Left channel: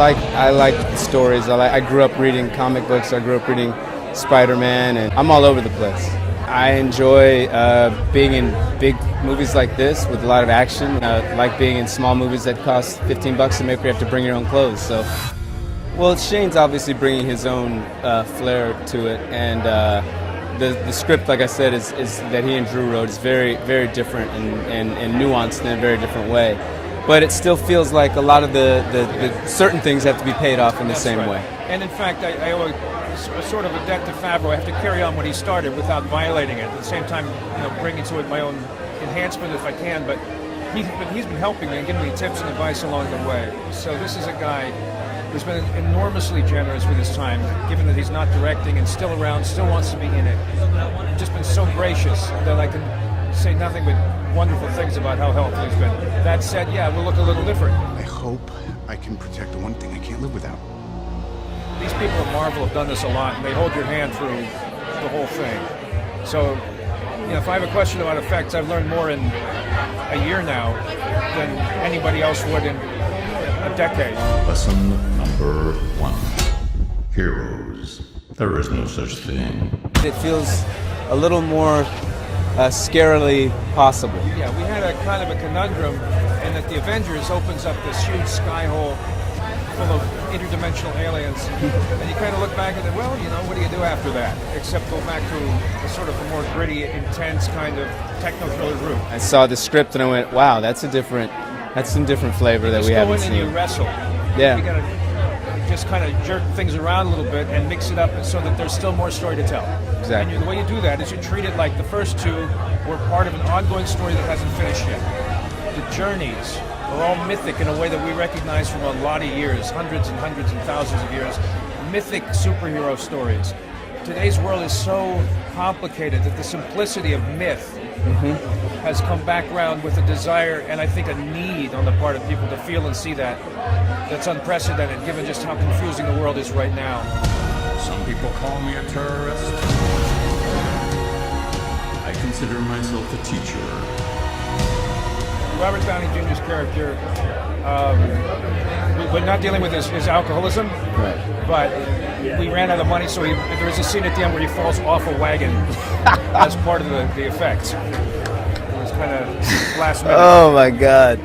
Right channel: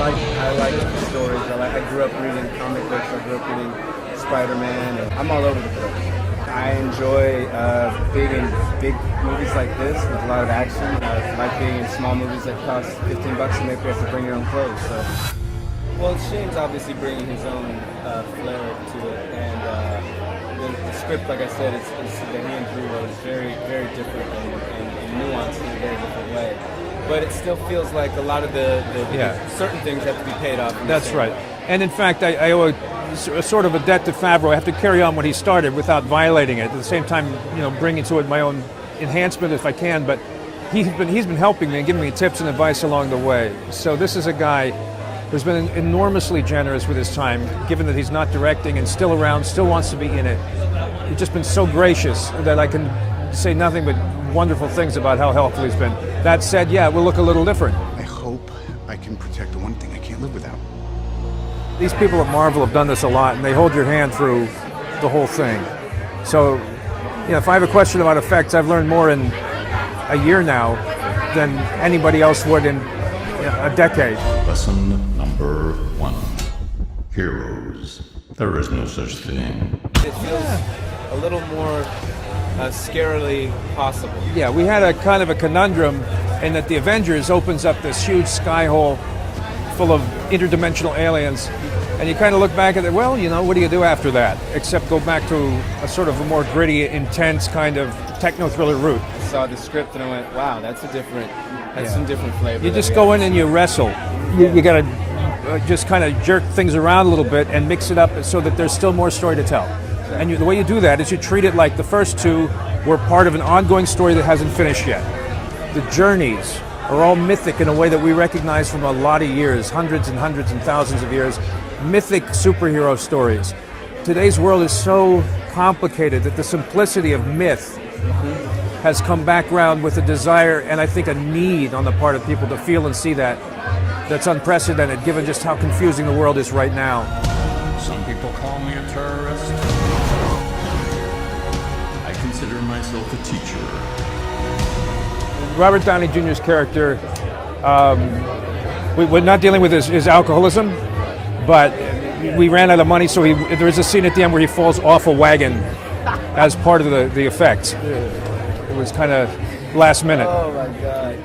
I like stories. I grew up reading comic books. I grew up reading Spider-Man, and I'm all over the place. I enjoy being in big movies like this with a lot of action. Like being in small movies that cost $15 to make where you have to bring your own clothes. So, well, Shane's obviously bringing his own flair to it, and the script, like I said, is that he and Drew wrote is very, very different and nuanced in a very different way. But it still feels like a lot of the certain things have to be paid off in the same way. And in fact, I owe a sort of a debt to Favreau. I have to carry on what he started without violating it. At the same time, bringing to it my own enhancement if I can. But he's been helping me and giving me tips and advice along the way. So this is a guy who's been enormously generous with his time, given that he's not directing and still around, still wants to be in it. He's just been so gracious that I can say nothing but wonderful things about how helpful he's been. That said, yeah, it will look a little different. I hope I can protect the one thing I can't live without. These people at Marvel have done this a lot, and they hold your hand through the whole thing. So, if I have a question about effects, I've learned more in a year now than anybody else would in a decade. Lesson number 1. Heroes. There is no such thing. It feels a little more scarily possible. Yeah, we had a kind of a conundrum in that the Avengers opens up this huge sky hole full of interdimensional aliens, and you kind of look back at it, well, what do you do after that? Except go back to a sort of a more gritty, intense kind of techno-thriller route. I saw the script and I went, wow, that's some different flavor. You just go in and you wrestle. Yeah. You got to just kind of jerk things around a little bit and mix it up so that there's still more story to tell. Exactly. And the way you do that is you treat it like the first two were part of an ongoing story that hasn't finished yet. The journeys are all mythic in a way that we recognize from a lot of years, hundreds and hundreds and thousands of years, mythic superhero stories. Today's world is so complicated that the simplicity of myth has come back around with a desire and I think a need on the part of people to feel and see that's unprecedented given just how confusing the world is right now. Some people call me a terrorist. I consider myself a teacher. Robert Downey Jr.'s character, we're not dealing with his alcoholism, but we ran out of money, so there is a scene at the end where he falls off a wagon as part of the effects. It was kind of last minute. Oh my God.